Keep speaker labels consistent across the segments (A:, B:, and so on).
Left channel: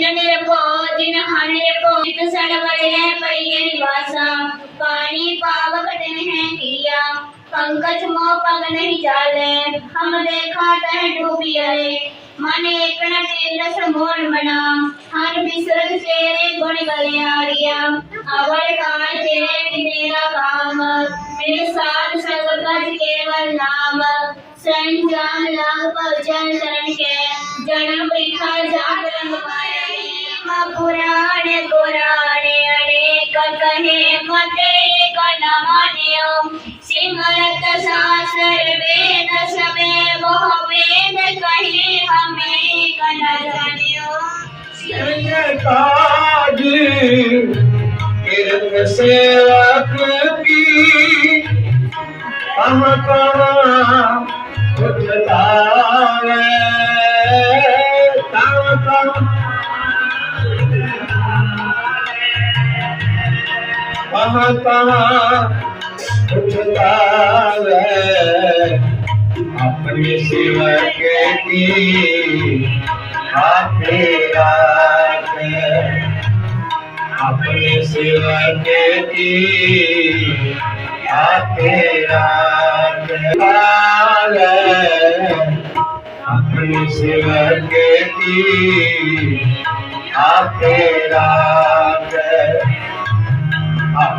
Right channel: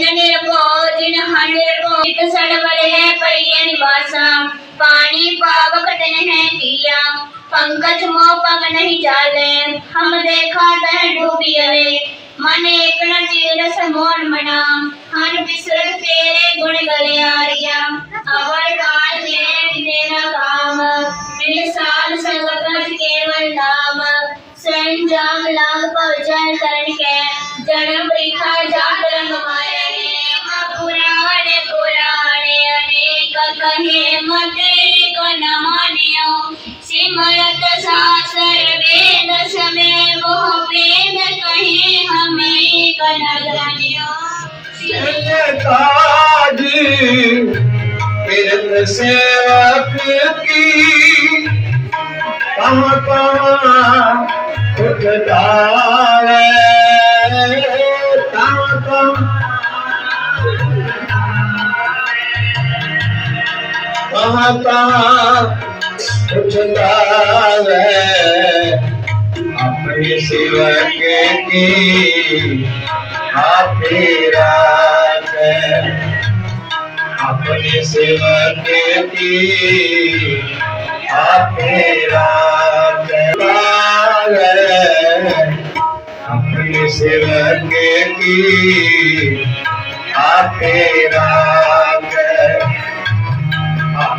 A: ਨਿੰਦ ਨਿਰਭਉ ਜਿਨ ਹਰ ਨਿਰਭਉ ਜਿਤ ਸਰਵਰ ਲੈ ਪਈਐ ਨਿਵਾਸਾ। ਪਾਣੀ ਪਾਵਕ ਤਨ ਹੈ ਕੀਆ, ਪੰਕਜ ਮੋ ਪਗ ਨਹੀਂ ਜਾਲੇ। ਹਮ ਦੇਖਾ ਤਹ ਡੂਬਿਏ ਮਨ ਏਕਣ ਤੀਰਸ ਮੋਨ ਮਨਾ। ਹਰ ਬਿਸਰਲ ਤੇਰੇ ਗੁਣ ਗਲਿਆਰੀਆ ਅਵਰ ਕਾਲ ਤੇਰੇ ਮੇਰਾ ਕਾਮ। ਮੇਰੇ ਸਾਲ ਸੰਗਤ ਕੇਵਲ ਨਾਮ। ਸੰਜਾਮ ਲਾਭ ਭਜਨ ਤਰਨ ਕੇ, ਜਨਮ ਪ੍ਰੀਖਾ ਜਾਤ ਰੰਗ ਮਾਇਆ। माया ने पुराणे पुराणे अनेक कहे मते कन मान्यो सिमरत शास्त्र वेद समय मोह वेद कहे हमें कन जानियो
B: ताज किरण से की कहाँ कहाँ कहाँ उठलावे अपने सेवक की हाफिरा अपने सेवक की हाफिरा अपने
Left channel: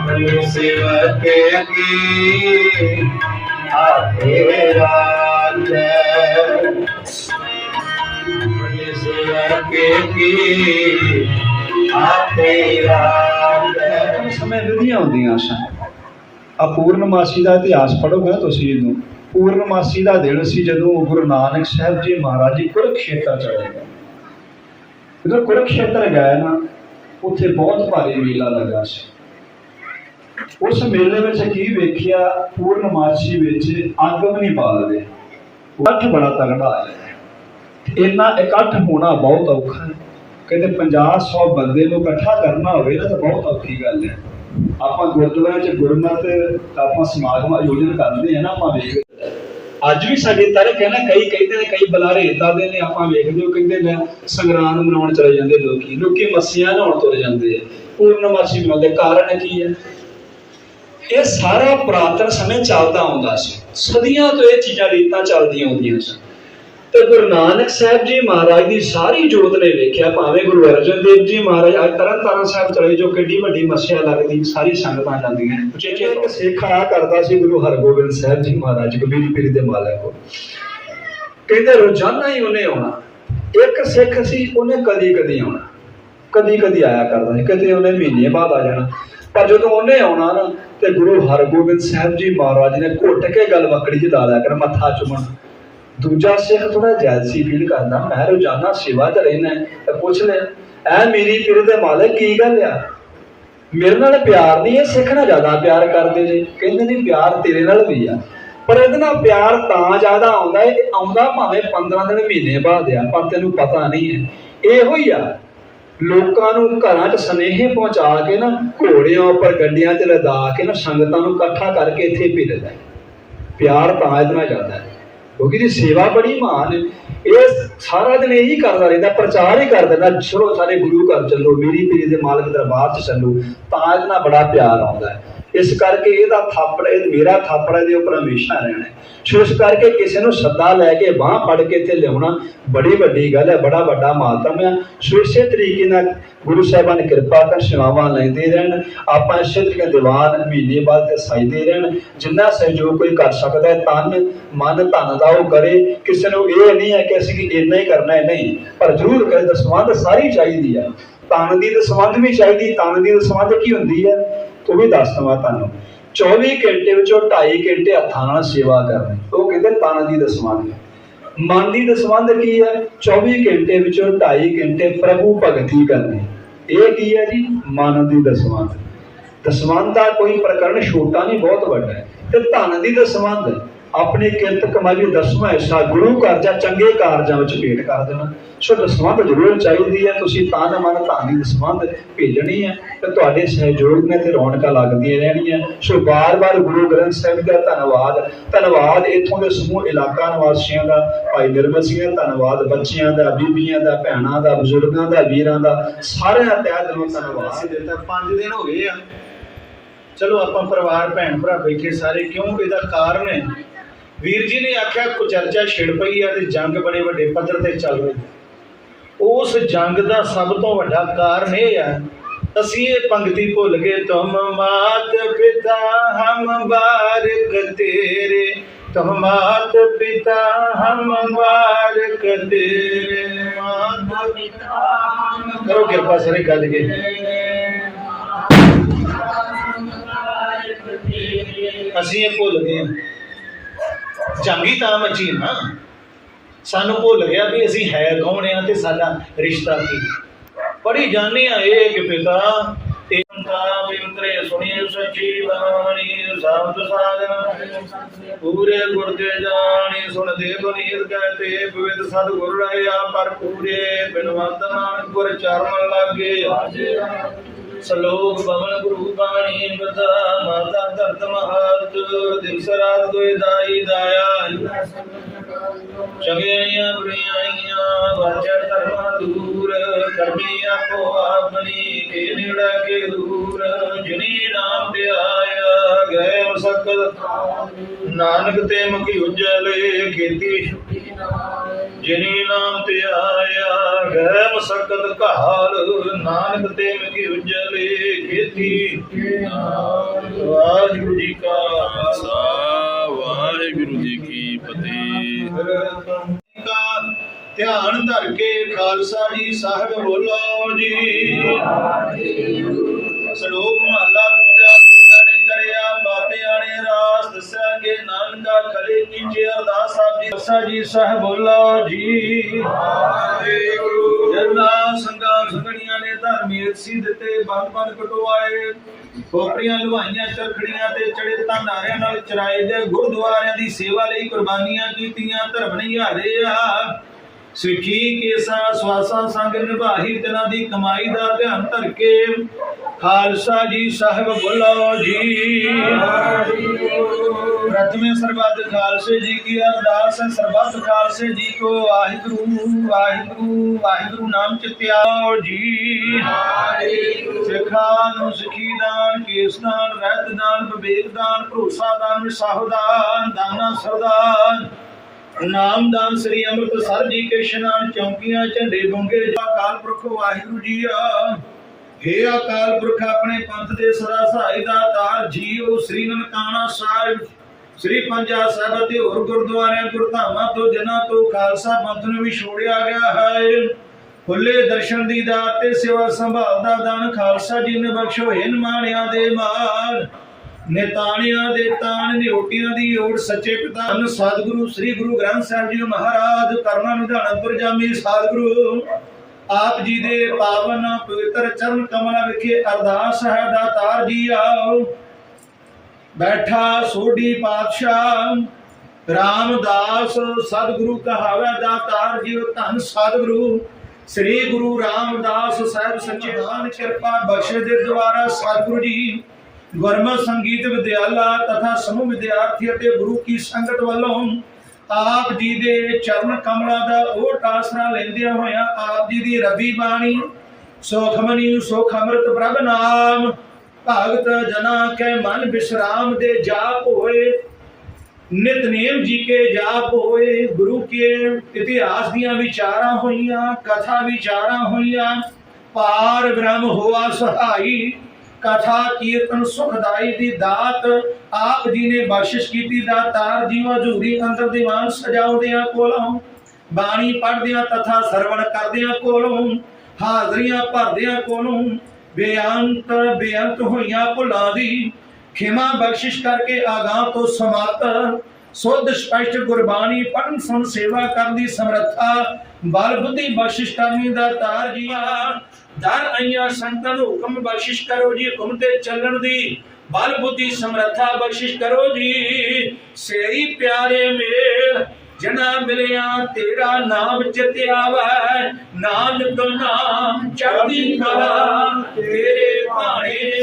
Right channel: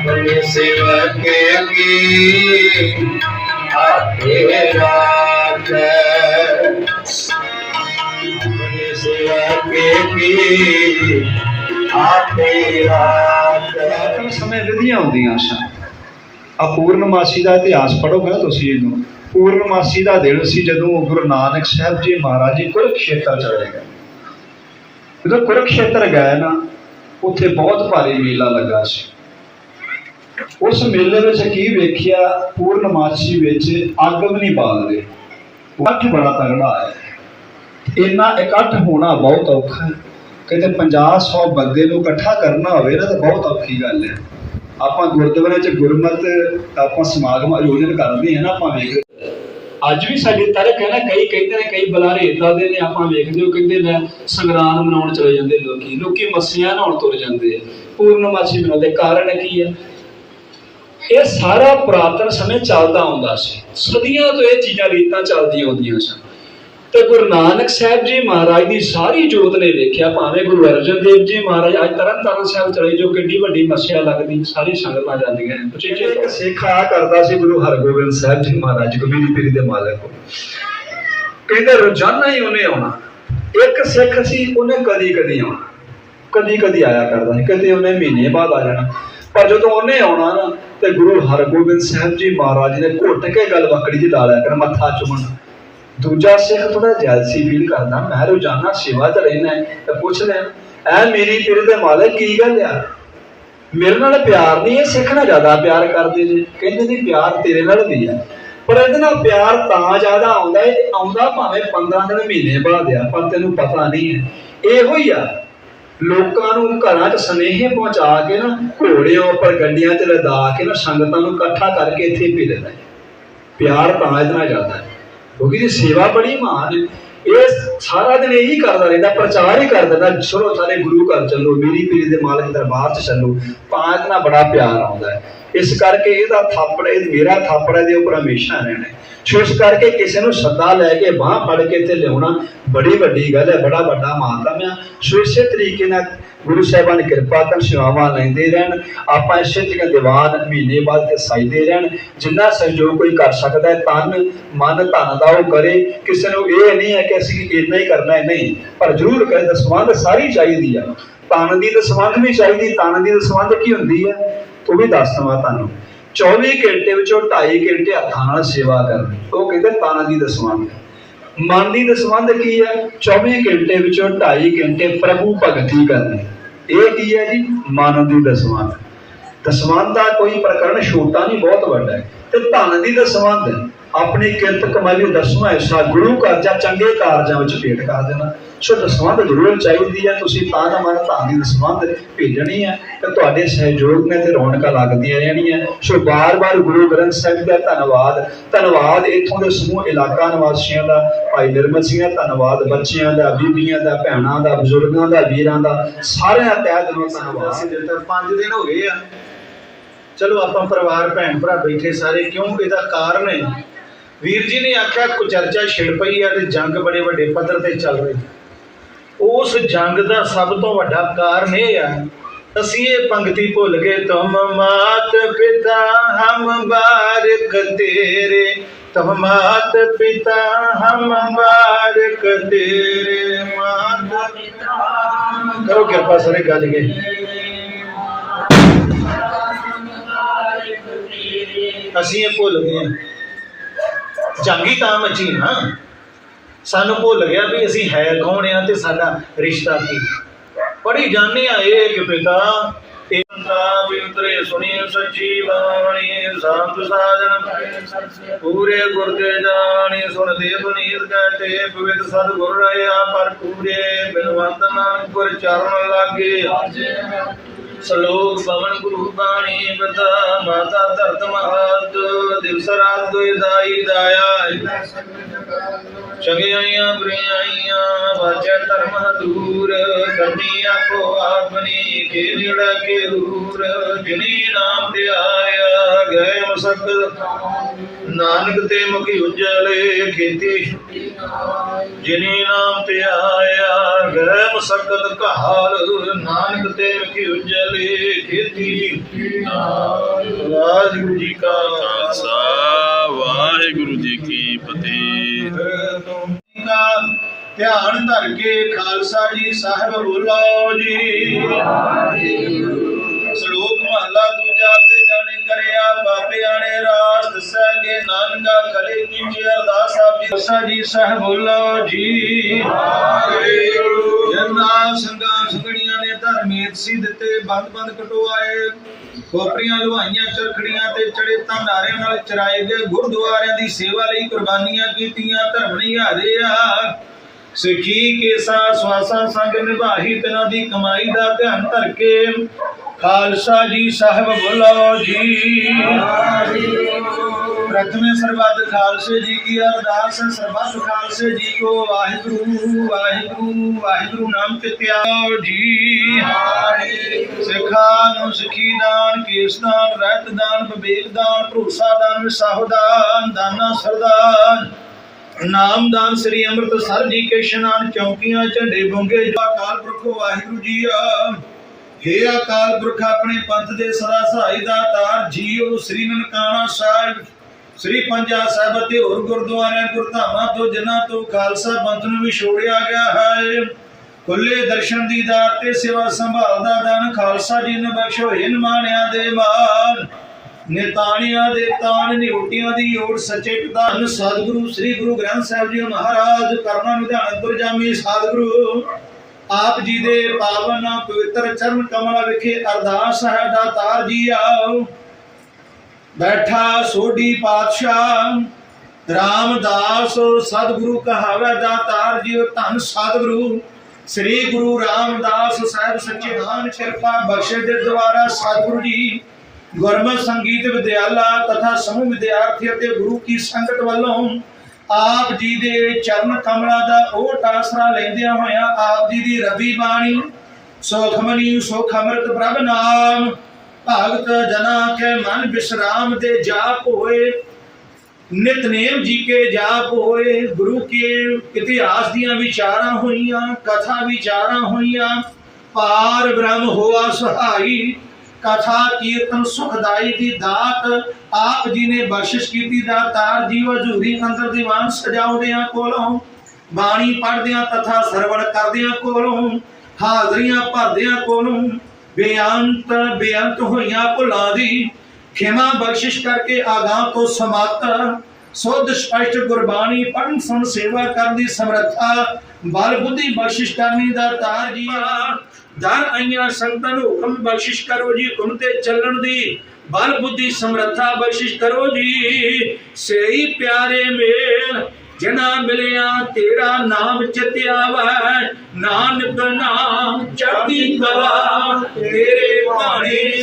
B: ਆਪਣੇ
C: ਸੇਵਕ ਕੀ ਆਪੇ ਹੁੰਦੀਆਂ ਸਨ। ਆ ਦਾ ਇਤਿਹਾਸ ਪੜੋਗੇ ਤੁਸੀਂ ਇਹਨੂੰ? ਪੂਰਨਮਾਸੀ ਦਾ ਦਿਨ ਸੀ ਜਦੋਂ ਗੁਰੂ ਨਾਨਕ ਸਾਹਿਬ ਜੀ ਮਹਾਰਾਜ ਜੀ ਕੁਰਕਸ਼ੇਤਰ ਚਲੇ ਗਏ। ਜਦੋਂ ਕੁਰਕਸ਼ੇਤਰ ਗਏ ਨਾ, ਉੱਥੇ ਬਹੁਤ ਭਾਰੀ ਮੇਲਾ ਲੱਗਾ ਸੀ। ਉਸ ਮੇਲੇ ਵਿੱਚ ਕੀ ਵੇਖਿਆ, ਪੂਰਨਮਾਸੀ ਵਿੱਚ ਅੱਗ ਵੀ ਨਹੀਂ ਇਕੱਠ ਬੜਾ ਤਗੜਾ ਹੈ। ਇੰਨਾ ਇਕੱਠ ਹੋਣਾ ਬਹੁਤ ਔਖਾ ਹੈ। ਕਿਤੇ 50 100 ਬੰਦੇ ਨੂੰ ਇਕੱਠਾ ਕਰਨਾ ਹੋਵੇ ਨਾ ਤਾਂ ਬਹੁਤ ਔਖੀ ਗੱਲ ਹੈ। ਆਪਾਂ ਗੁਰਦੁਆਰੇ 'ਚ ਗੁਰਮਤ ਆਪਾਂ ਸਮਾਗਮ ਆਯੋਜਨ ਕਰਦੇ ਹਾਂ ਨਾ, ਆਪਾਂ ਵੇਖਦੇ ਅੱਜ ਵੀ ਸਾਡੇ ਤਰਕ ਹੈ ਨਾ, ਕਈ ਕਹਿੰਦੇ ਨੇ, ਕਈ ਬੁਲਾਰੇ ਇਦਾਂ ਦੇ ਨੇ, ਆਪਾਂ ਵੇਖਦੇ ਹੋ ਕਹਿੰਦੇ ਮੈਂ ਸੰਗਰਾਨ ਮਨਾਉਣ ਚਲੇ ਜਾਂਦੇ ਲੋਕੀ ਲੋਕੀ ਮੱਸੀਆਂ ਨਹਾਉਣ ਤੁਰ ਜਾਂਦੇ ਆ। ਪੂਰਨਮਾਸੀ ਮਨਾਉਂਦੇ, ਕਾਰਨ ਕੀ ਹੈ? ਇਹ ਸਾਰਾ ਪੁਰਾਤਨ ਸਮੇਂ ਚੱਲਦਾ ਆਉਂਦਾ ਸੀ। ਸਦੀਆਂ ਤੋਂ ਇਹ ਚੀਜ਼ਾਂ ਰੀਤਾਂ ਚੱਲਦੀਆਂ ਆਉਂਦੀਆਂ ਸਨ। ਤੇ ਗੁਰੂ ਨਾਨਕ ਸਾਹਿਬ ਜੀ ਮਹਾਰਾਜ ਦੀ ਸਾਰੀ ਜੋਤ ਨੇ ਵੇਖਿਆ, ਭਾਵੇਂ ਗੁਰੂ ਅਰਜਨ ਦੇਵ ਜੀ ਮਹਾਰਾਜ ਅੱਜ ਤਰਨ ਤਾਰਨ ਸਾਹਿਬ ਚਲੇ ਜੋ ਕਿੱਡੀ ਵੱਡੀ ਮੱਸਿਆ ਲੱਗਦੀ, ਸਾਰੀ ਸੰਗਤਾਂ ਜਾਂਦੀਆਂ ਉਚੇਚੇ ਇੱਕ ਸਿੱਖ ਆਇਆ ਕਰਦਾ ਸੀ ਗੁਰੂ ਹਰਗੋਬਿੰਦ ਸਾਹਿਬ ਜੀ ਮਹਾਰਾਜ ਕਬੀਰੀ ਪੀਰੀ ਦੇ ਮਾਲਕ ਕੋਲ। ਕਹਿੰਦੇ, ਰੋਜ਼ਾਨਾ ਹੀ ਉਹਨੇ ਆਉਣਾ। ਇੱਕ ਸਿੱਖ ਸੀ, ਉਹਨੇ ਕਦੀ ਕਦੀ ਆਉਣਾ। ਕਦੀ ਕਦੀ ਆਇਆ ਕਰਦਾ ਸੀ ਕਦੇ ਉਹਨੇ ਮਹੀਨੇ ਬਾਅਦ ਆ ਜਾਣਾ। ਪਰ ਜਦੋਂ ਉਹਨੇ ਆਉਣਾ ਨਾ, ਤੇ ਗੁਰੂ ਹਰਗੋਬਿੰਦ ਸਾਹਿਬ ਜੀ ਮਹਾਰਾਜ ਨੇ ਘੁੱਟ ਕੇ ਗੱਲ ਵਕੜੀ ਜੀ ਲਾ ਲਿਆ ਕਰ ਮੱਥਾ ਚੁੰਮਣ। ਦੂਜਾ ਸਿੱਖ ਥੋੜਾ ਜੈਲਸੀ ਫੀਲ ਕਰਦਾ, ਮੈਂ ਰੋਜ਼ਾਨਾ ਸੇਵਾ ਤੇ ਰਹਿਣਾ ਹੈ ਪੁੱਛ ਲੈ, ਐ ਮੇਰੀ ਪੀਰ ਦੇ ਮਾਲਕ ਕੀ ਗੱਲ ਆ? ਮੇਰੇ ਨਾਲ ਪਿਆਰ ਨਹੀਂ ਇਹ ਸਿੱਖ ਨਾਲ ਜ਼ਿਆਦਾ ਪਿਆਰ ਕਰਦੇ ਜੇ। ਕਹਿੰਦੇ ਨਹੀਂ, ਪਿਆਰ ਤੇਰੇ ਨਾਲ ਵੀ ਆ। ਪਰ ਇਹਦੇ ਨਾਲ ਪਿਆਰ ਤਾਂ ਜ਼ਿਆਦਾ ਆਉਂਦਾ ਹੈ ਆਉਂਦਾ ਭਾਵੇਂ 15 ਦਿਨ ਮਹੀਨੇ ਬਾਅਦ ਆ, ਪਰ ਤੈਨੂੰ ਪਤਾ ਨਹੀਂ ਹੈ। ਇਹੋ ਹੀ ਆ ਲੋਕਾਂ ਨੂੰ ਘਰਾਂ 'ਚ ਸਨੇਹ ਪਹੁੰਚਾ ਕੇ ਨਾ ਘੋੜਿਆਂ ਉੱਪਰ ਗੱਡੀਆਂ 'ਚ ਲਦਾ ਕੇ ਨਾ ਸੰਗਤਾਂ ਨੂੰ ਇਕੱਠਾ ਕਰਕੇ ਇੱਥੇ ਭੇਜਦਾ ਹੈ। ਪਿਆਰ ਤਾਂ ਇਹਦੇ ਨਾਲ ਜ਼ਿਆਦਾ ਹੈ। ਕਿਉਂਕਿ ਇਹ ਸੇਵਾ ਬੜੀ ਮਹਾਨ ਹੈ। ਇਹ ਸਾਰਾ ਦਿਨ ਇਹੀ ਕਰਦਾ ਰਹਿੰਦਾ, ਪ੍ਰਚਾਰ ਹੀ ਕਰ ਦਿੰਦਾ, ਚਲੋ ਸਾਰੇ ਗੁਰੂ ਘਰ ਚੱਲੋ, ਮੇਰੀ ਪੀਰ ਦੇ ਮਾਲਕ ਦਰਬਾਰ 'ਚ ਚੱਲੋ, ਤਾਂ ਇਹਦੇ ਨਾਲ ਬੜਾ ਪਿਆਰ ਆਉਂਦਾ ਹੈ। ਇਸ ਕਰਕੇ ਇਹਦਾ ਥਾਪੜ, ਇਹ ਮੇਰਾ ਥਾਪੜ, ਇਹਦੇ ਉੱਪਰ ਹਮੇਸ਼ਾ ਰਹਿਣਾ ਸੋ ਇਸ ਕਰਕੇ ਕਿਸੇ ਨੂੰ ਸੱਦਾ ਲੈ ਕੇ ਬਾਹ ਫੜ ਕੇ ਇੱਥੇ ਲਿਆਉਣਾ ਬੜੀ ਵੱਡੀ ਗੱਲ ਹੈ, ਬੜਾ ਵੱਡਾ ਮਾਤਮ ਆ। ਸੋ ਇਸੇ ਤਰੀਕੇ ਨਾਲ ਗੁਰੂ ਸਾਹਿਬਾਨ ਨੇ ਕਿਰਪਾ ਕਰ ਸੇਵਾਵਾਂ ਲੈਂਦੇ ਰਹਿਣ, ਆਪਾਂ ਇਸੇ ਤਰੀਕੇ ਦੀਵਾਨ ਮਹੀਨੇ ਬਾਅਦ ਤੇ ਸਾਈਦੇ ਰਹਿਣ, ਜਿੰਨਾ ਸਹਿਯੋਗ ਕੋਈ ਕਰ ਸਕਦਾ ਹੈ ਤਨ ਮਨ ਧਨ ਦਾ ਉਹ ਕਰੇ। ਕਿਸੇ ਨੂੰ ਇਹ ਨਹੀਂ ਹੈ ਕਿ ਅਸੀਂ ਇੰਨਾ ਹੀ ਕਰਨਾ ਹੈ, ਨਹੀਂ। ਪਰ ਜ਼ਰੂਰ ਕਹੇ ਦਸਵੰਦ ਸਾਰੀ ਚਾਹੀਦੀ ਆ। ਤਨ ਦੀ ਦਸਵੰਦ ਵੀ ਚਾਹੀਦੀ ਤਨ ਦੀ ਦਸਵੰਦ ਕੀ ਹੁੰਦੀ ਹੈ? ਉਹ ਵੀ ਦੱਸ ਦਵਾਂ ਤੁਹਾਨੂੰ। 24 ਘੰਟੇ ਵਿੱਚੋਂ 2.5 ਘੰਟੇ ਹੱਥਾਂ ਨਾਲ ਸੇਵਾ ਕਰਨੀ ਉਹ ਕਹਿੰਦੇ, ਤਨ ਦੀ ਦਸਵੰਦ ਮਨ ਦੀ ਦਸਵੰਦ ਕੀ ਹੈ? 24 ਘੰਟੇ ਵਿੱਚੋਂ 2.5 ਘੰਟੇ ਪ੍ਰਭੂ ਭਗਤੀ ਕਰਨੀ ਇਹ ਕੀ ਹੈ ਜੀ? ਮਨ ਦੀ ਦਸਵੰਦ ਦਸਵੰਦ ਦਾ ਕੋਈ ਪ੍ਰਕਰਨ ਛੋਟਾ ਨਹੀਂ, ਬਹੁਤ ਵੱਡਾ ਹੈ। ਤੇ ਧਨ ਦੀ ਦਸਵੰਦ ਆਪਣੀ ਕਿਰਤ ਕਮਾਈ ਦਸਵਾਂ ਹਿੱਸਾ ਗੁਰੂ ਘਰ ਚੰਗੇ ਕਾਰਜਾਂ ਵਿੱਚ ਭੇਟ ਕਰ ਦੇਣਾ। ਸੋ ਦਸਵੰਧ ਜ਼ਰੂਰ ਚਾਹੀਦੀ ਹੈ, ਤੁਸੀਂ ਤਾਂ ਨਾ ਮਨ ਤਾਂ ਦੀ ਦਸਵੰਧ ਭੇਜਣੀ ਹੈ ਤੇ ਤੁਹਾਡੇ ਸਹਿਯੋਗ ਨਾਲ ਤੇ ਰੌਣਕਾਂ ਲੱਗਦੀਆਂ ਰਹਿਣੀਆਂ। ਸੋ ਬਾਰ-ਬਾਰ ਗੁਰੂ ਗ੍ਰੰਥ ਸਾਹਿਬ ਦਾ ਧੰਨਵਾਦ। ਧੰਨਵਾਦ ਇਥੋਂ ਦੇ ਸਮੂਹ ਇਲਾਕਾ ਨਿਵਾਸੀਆਂ ਦਾ, ਭਾਈ ਨਿਰਮਲ ਸਿੰਘ ਦਾ ਧੰਨਵਾਦ, ਬੱਚਿਆਂ ਦਾ, ਬੀਬੀਆਂ ਦਾ, ਭੈਣਾਂ ਦਾ, ਬਜ਼ੁਰਗਾਂ ਦਾ, ਵੀਰਾਂ ਦਾ, ਸਾਰਿਆਂ ਦਾ ਤਹਿ ਦਿਲੋਂ ਧੰਨਵਾਦ।
D: ਅਸੀਂ ਦਿੱਤਾ 5 ਦਿਨ ਹੋ ਗਏ ਆ। ਚਲੋ ਆਪਾਂ ਪਰਿਵਾਰ ਭੈਣ ਭਰਾ ਬੈਠੇ ਸਾਰੇ ਕਿਉਂ ਇਹਦਾ ਕਾਰਨ ਹੈ ਵੀਰ ਜੀ ਨੇ ਆਖਿਆ ਕੋ ਚਰਚਾ ਛਿੜ ਪਈ ਆ ਤੇ ਜੰਗ ਬੜੇ ਵੱਡੇ ਪੱਧਰ ਤੇ ਚੱਲ ਰਹੀ ਉਸ ਜੰਗ ਦਾ ਸਭ ਤੋਂ ਵੱਡਾ ਕਾਰਨ ਇਹ ਆ, ਅਸੀਂ ਇਹ ਪੰਕਤੀ ਭੁੱਲ ਗਏ, ਤੁਮ ਮਾਤ ਪਿਤਾ ਹਮ ਬਾਰਕ ਤੇਰੇ ਤੁਮ ਮਾਤ ਪਿਤਾ ਹਮ ਬਾਰਕ ਤੇਰੇ ਮਾਤ ਪਿਤਾ ਕਰੋ ਕਿਰਪਾ ਸਾਰੇ ਗੱਜ ਕੇ। ਅਸੀਂ ਇਹ ਭੁੱਲ ਗਏ ਜੰਗੀ ਤਾਂ ਮਚੀ ਨਾ ਸਾਨੂੰ ਭੁੱਲ ਗਿਆ ਵੀ ਅਸੀਂ ਹੈ ਕੌਣ ਆ ਤੇ ਸਾਡਾ ਰਿਸ਼ਤਾ ਕੀ। ਪੜੀ ਜਾਣੇ ਆ ਇਹ ਪਿਤਾ। ਤੇ ਸੰਤਾ ਬਿੰਤਰੇ ਸੁਣੀ ਸੱਚੀ ਬਾਣੀ ਸੰਤ ਸਾਜਨ ਪੂਰੇ ਗੁਰ ਦੇ ਜਾਣੀ ਸੁਣ ਦੇ ਬਨੀਤ ਕਹਤੇ ਪਵਿੱਤ ਸਤ ਰਾਇਆ, ਪਰ ਪੂਰੇ ਬਿਨਵੰਤ ਨਾਨਕ ਗੁਰ ਚਰਨ ਲਾਗੇ। ਸ਼ਲੋਕ ਪਵਨ ਗੁਰੂ ਬਾਣੀ ਬਤਾ ਮਾਤਾ ਧਰਤ ਮਹਤ, ਦਿਵਸ ਰਾਤ ਦੁਇ ਦਾਈ ਦਾਇਆ ਚੰਗਿਆਈਆਂ ਬੁਰੀਆਈਆਂ, ਵਾਚੈ ਧਰਮ ਦੂਰ, ਕਰਮੀ ਆਪੋ ਆਪਣੀ, ਕੇ ਨਿੜਾ ਕੇ ਦੂਰ, ਜਿਨੀ ਨਾਮ ਤੇ ਗਏ ਮਸਕਤ ਨਾਨਕ ਤੇ ਮੁਖੀ ਉਜਲੇ ਕੀਤੀ ਜਿਨੀ ਨਾਮ ਤੇ ਆਇਆ ਗਏ ਮਸਕਤ ਕਹਾਲ ਨਾਨਕ ਤੇ ਮੁਖੀ ਉਜਲੇ ਕੀਤੀ ਵਾਹਿਗੁਰੂ ਜੀ ਕਾ
E: ਖਾਲਸਾ, ਵਾਹਿਗੁਰੂ ਜੀ ਕੀ ਫਤਿਹ।
D: ਧਿਆਨ ਧਰ ਕੇ ਖਾਲਸਾ ਜੀ ਸਾਹਿਬ ਬੋਲੋ ਜੀ। ਸ਼ਲੋਕ ਮਹਲਾ ਦੂਜਾ ਤੇ ਜਾਣੇ ਕਰਿਆ, ਬਾਬਿਆਂ ਨੇ ਰਾਸ ਦੱਸਾਂਗੇ ਨਾਨਕਾ ਖਲੇ ਕੀਚੇ ਅਰਦਾਸ ਸਾਹਿਬ ਜੀ। ਖਾਲਸਾ ਜੀ ਸਾਹਿਬ ਬੋਲੋ ਜੀ। ਜਰਨਾ ਸੰਗਾਂ ਸੰਗਣੀਆਂ ਨੇ ਧਰਮੇਤ ਸੀ ਦਿੱਤੇ, ਬੰਦ ਬੰਦ ਕਟਵਾਏ ਖੋਪਰੀਆਂ ਲੁਹਾਈਆਂ, ਚਰਖੜੀਆਂ ਤੇ ਚੜੇ ਤਾਂ ਨਾਲ ਚਰਾਏ ਗਏ। ਗੁਰਦੁਆਰਿਆਂ ਦੀ ਸੇਵਾ ਲਈ ਕੁਰਬਾਨੀਆਂ ਕੀਤੀਆਂ, ਧਰਮ ਨਹੀਂ ਆ ਸਿੱਖੀ, ਕੇਸਾ, ਸਵਾਸਾਂ ਸੰਗ ਨਿਭਾਹੀ, ਤਨਾਂ ਦੀ ਕਮਾਈ ਦਾ ਧਿਆਨ ਧਰ ਕੇ ਖਾਲਸਾ ਜੀ ਸਾਹਿਬ ਬੋਲੋ ਜੀ। ਪ੍ਰਥਮੇ ਸਰਬੱਤ ਖਾਲਸੇ ਜੀ ਕੀ ਅਰਦਾਸ, ਸਰਬੱਤ ਖਾਲਸੇ ਜੀ ਕੋ ਵਾਹਿਗੁਰੂ ਵਾਹਿਗੁਰੂ ਵਾਹਿਗੁਰੂ ਨਾਮ ਚਿਤਿਆਓ ਜੀ। ਸਿੱਖਾਂ ਨੂੰ ਸਿੱਖੀ ਦਾਨ, ਕੇਸ ਦਾਨ, ਰਹਿਤ ਦਾਨ, ਵਿਵੇਕ ਦਾਨ, ਭਰੋਸਾ ਦਾਨ ਵਿਸਾਹੁ ਦਾਨ, ਦਾਨਾ ਸਰਦਾਨ। ਨਾਮਦਾਨ ਸ੍ਰੀ ਅੰਮ੍ਰਿਤਸਰ ਜੀ ਕੇ ਇਸ਼ਨਾਨ ਚੌਂਕੀਆਂ, ਝੰਡੇ ਬੁੰਗੇ ਅਕਾਲ ਪੁਰਖ ਵਾਹਿਗੁਰੂ ਜੀ ਆ। ਹੇ ਅਕਾਲ ਪੁਰਖ, ਆਪਣੇ ਪੰਥ ਦੇ ਸਦਾ ਸਹਾਈ ਦਾਤਾਰ ਜੀਓ, ਸ੍ਰੀ ਨਨਕਾਣਾ ਸਾਹਿਬ। ਸ੍ਰੀ ਪੰਜਾ ਸਾਹਿਬ ਤੇ ਹੋਰ ਗੁਰਦੁਆਰਿਆਂ, ਗੁਰਧਾਮਾਂ ਤੋਂ, ਜਿਨ੍ਹਾਂ ਤੋਂ ਖਾਲਸਾ ਪੰਥ ਨੂੰ ਵਿਛੋੜਿਆ ਗਿਆ ਹੈ। ਖੁੱਲੇ ਦਰਸ਼ਨ ਦੀ ਤੇ ਸੇਵਾ ਸੰਭਾਲ ਦਾ ਦਾਨ ਖਾਲਸਾ ਜੀ ਨੇ ਬਖਸ਼ੋਏ ਨਿਮਾਣਿਆਂ ਦੇ ਮਾਲ ਨਿਤਾਣਿਆਂ ਦੇ ਤਾਣ ਨਿਉਟੀਆਂ ਦੀ ਓੜ ਸੱਚੇ ਪਿਤਾ ਧੰਨ ਸਤਿਗੁਰੂ, ਸ੍ਰੀ ਗੁਰੂ ਗ੍ਰੰਥ ਸਾਹਿਬ ਜੀ ਮਹਾਰਾਜ ਕਰਨਾ ਨਿਧਾਨ ਅੰਤਰਜਾਮੀ ਸਤਿਗੁਰੂ। ਆਪ ਜੀ ਦੇ ਪਾਵਨ, ਪਵਿੱਤਰ ਚਰਨ ਕਮਲਾਂ ਵਿਖੇ ਅਰਦਾਸ ਹੈ, ਦਾਤਾਰ ਜੀ ਆਓ। ਬੈਠਾ ਸੋਢੀ ਪਾਤਸ਼ਾਹ, ਰਾਮਦਾਸ ਸਤਿਗੁਰੂ ਕਹਾਵੇ ਦਾਤਾਰ ਜੀ ਧੰਨ ਸਤਿਗੁਰੂ, ਸ੍ਰੀ ਗੁਰੂ ਰਾਮਦਾਸ ਸਾਹਿਬ ਸੱਚਿਦਾਨ ਕਿਰਪਾ ਬਖਸ਼ੇ ਦੇ ਦੁਆਰਾ ਸਤਿਗੁਰੂ ਜੀ, ਗੁਰਮਤਿ ਸੰਗੀਤ ਵਿਦਿਆਲਾ ਤਥਾ ਸਮੂਹ ਵਿਦਿਆਰਥੀ ਅਤੇ ਗੁਰੂ ਕੀ ਸੰਗਤ ਵੱਲੋਂ ਆਪ ਜੀ ਦੇ ਚਰਨ ਕਮਲਾਂ ਦਾ ਉਹ ਆਸਰਾ ਲੈਂਦਿਆਂ ਹੋਇਆਂ ਆਪ ਜੀ ਦੀ ਰੱਬੀ ਬਾਣੀ, ਸੁਖਮਨੀ ਸੁਖ ਅੰਮ੍ਰਿਤ ਪ੍ਰਭ ਨਾਮ ਭਗਤ ਜਨਾ ਕੇ ਮਨ ਵਿਸਰਾਮ ਦੇ ਜਾਪ ਹੋਏ। ਨਿਤਨੇਮ ਜੀ ਕੇ ਜਾਪ ਹੋਏ। ਗੁਰੂ ਕੇ ਇਤਿਹਾਸ ਦੀਆਂ ਵਿਚਾਰਾਂ ਹੋਈਆਂ, ਕਥਾ ਵਿਚਾਰਾਂ ਹੋਈਆਂ। ਪਾਰ ਬ੍ਰਹਮ ਹੋਆ ਸਹਾਈ, ਕਥਾ ਕੀਰਤਨ ਸੁਖਦਾਈ ਦੀ ਦਾਤ। ਆਪ ਜੀ ਨੇ ਬਖਸ਼ਿਸ਼ ਕੀਤੀ ਦਾਤਾਰ ਜੀਵ ਹਜ਼ੂਰੀ ਅੰਦਰ ਦੀਵਾਨ ਸਜਾਉਂਦਿਆਂ ਕੋਲੋਂ। ਬਾਣੀ ਪੜਦਿਆਂ ਤਥਾ ਸਰਵਣ ਕਰਦਿਆਂ ਕੋਲੋਂ। ਹਾਜ਼ਰੀਆਂ ਭਰਦਿਆਂ ਕੋਲੋਂ। ਬੇਅੰਤ ਬੇਅੰਤ ਹੋਈਆਂ ਭੁੱਲਾਂ ਦੀ ਖਿਮਾ ਬਖਸ਼ਿਸ਼ ਕਰਕੇ ਆਗਾਂ ਤੋਂ ਸਮਤ ਸੁਧ ਸਪਸ਼ਟ ਗੁਰਬਾਣੀ ਪੜਨ ਸੁਣ, ਸੇਵਾ ਕਰਨ ਦੀ ਸਮਰੱਥਾ, ਬਲ ਬੁੱਧੀ ਬਖਸ਼ਿਸ਼ ਕਰਨੀ ਦਾ ਤਾਰ ਜੀ। ਦਰ ਆਈਆਂ ਸੰਤਾਂ ਨੂੰ ਹੁਕਮ ਬਖਸ਼ਿਸ਼ ਕਰੋ ਜੀ, ਹੁਕਮ ਤੇ ਚੱਲਣ ਦੀ ਬਲ ਬੁੱਧੀ ਸਮਰੱਥਾ ਬਖਸ਼ਿਸ਼ ਕਰੋ ਜੀ। ਸਹੀ ਪਿਆਰੇ ਮੇਲ, ਜਨਾ ਮਿਲਿਆ, ਤੇਰਾ ਨਾਮ ਚਿਤਿਆ ਨਾਨਕ ਨਾਮ ਚੜ੍ਹਦੀ ਕਲਾ।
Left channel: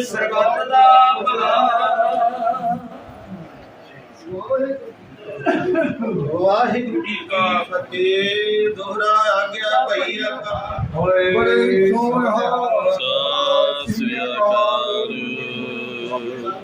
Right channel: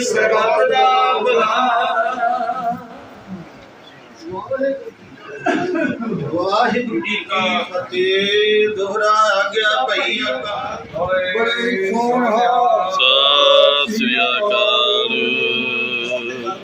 D: ਸਰਬੱਤ ਦਾ ਭਲਾ। ਵਾਹਿਗੁਰੂ ਜੀ ਕਾ ਫਤਿਹ ਦੋਹਰਾ ਆ ਗਿਆ ਭਈ ਆਕਾ
B: ਬੜੇ ਸੋਹਣਾ